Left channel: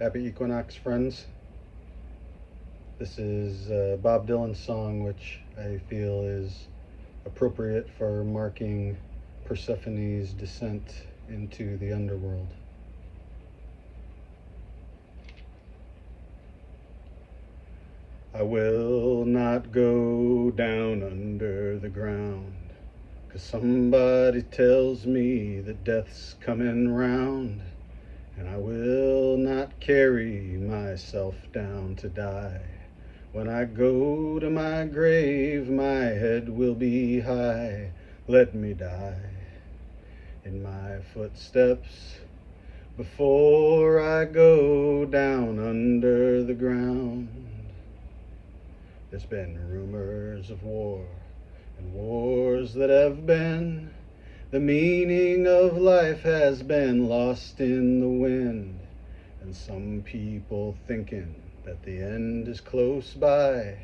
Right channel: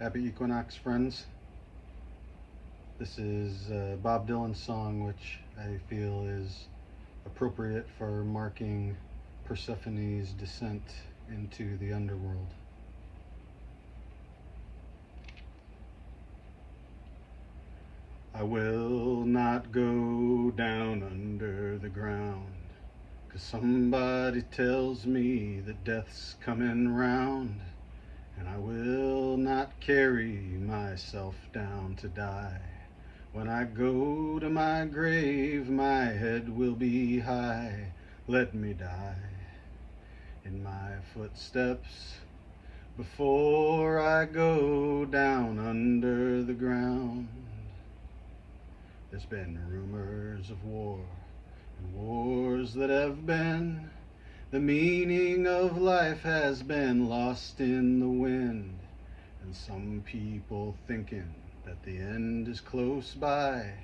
Happy Equinox, friends. This is Bob Dylan's song, which I feel is appropriate for marking Persephone's descent into the underworld. I will not go down under the ground, 'cause somebody tells me that death's coming round. And I will not carry myself down to die. When I go to my grave, my head will be high. Let me die in my footsteps before I go down under the ground. There's been rumors of war and wars that have been. The meaning of life has been lost in the wind, and some people thinking that the end is close by.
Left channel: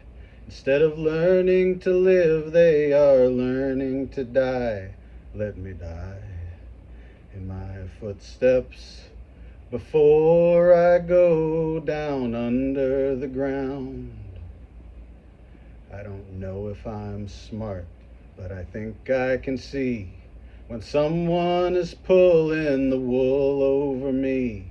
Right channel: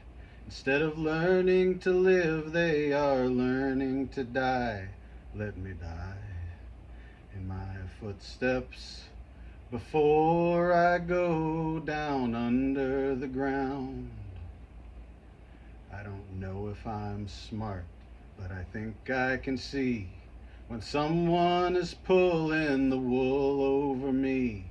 Instead of learning to live, they are learning to die. Let me die in my footsteps before I go down under the ground. I don't know if I'm smart, but I think I can see when someone is pulling the wool over me.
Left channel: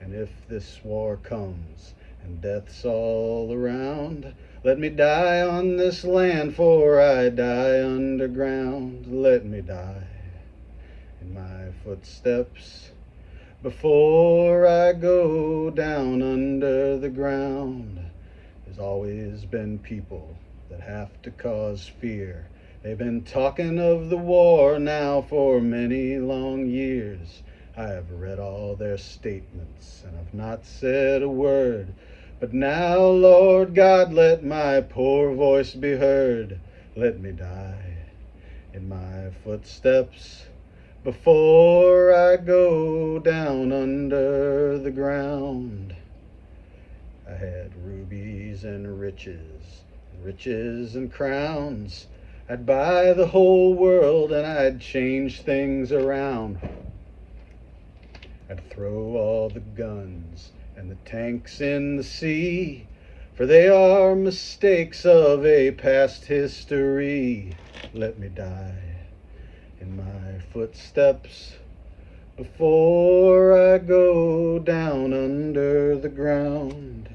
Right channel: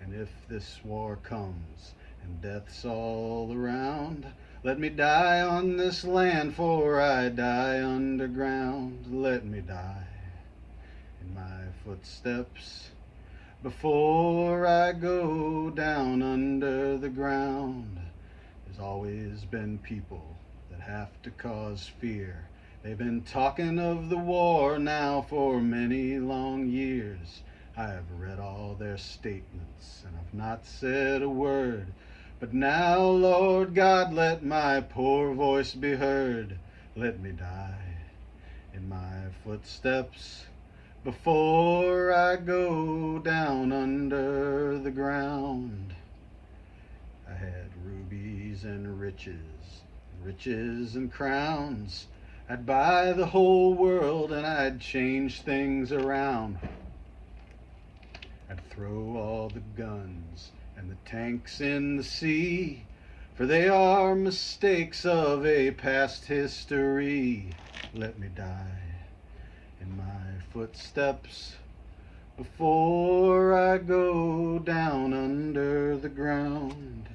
And if this war comes and death's all around, let me die on this land, for I die underground. Let me die in my footsteps before I go down under the ground. There's always been people that have to cause fear. They've been talking of the war now for many long years. I have read all their statements and I've not said a word. But now, Lord God, let my poor voice be heard. Let me die in my footsteps before I go down under the ground. I had rubies and riches and crowns. I'd buy the whole world and I'd change things around. I'd throw all the guns and the tanks in the sea, for they are mistakes of a past history. Let me die in my footsteps before I go down under the ground.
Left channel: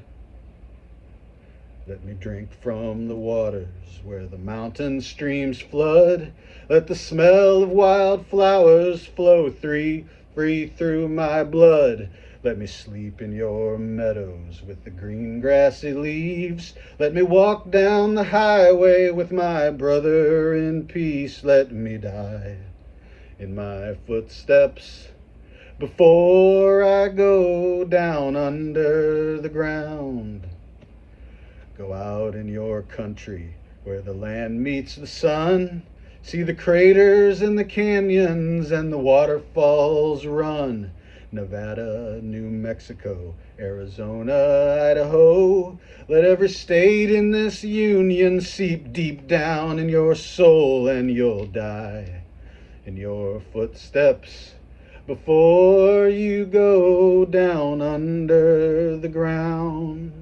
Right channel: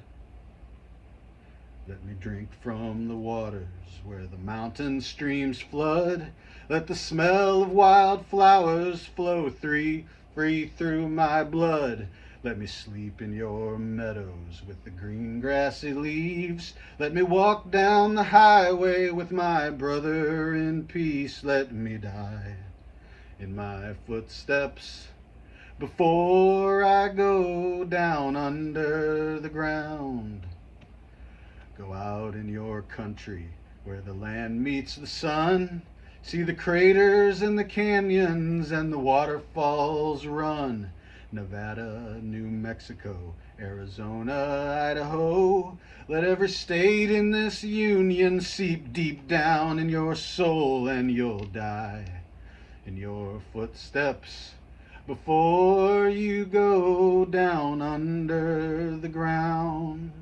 Let me drink from the waters where the mountain streams flood. Let the smell of wild flowers flow free through my blood. Let me sleep in your meadows with the green grassy leaves. Let me walk down the highway with my brother in peace. Let me die in my footsteps before I go down under the ground. Go out in your country where the land meets the sun. See the craters and the canyons and the waterfalls run. Nevada, New Mexico, Arizona, Idaho. Let every state in this union seep deep down in your soul, and you'll die in your footsteps before you go down under the ground.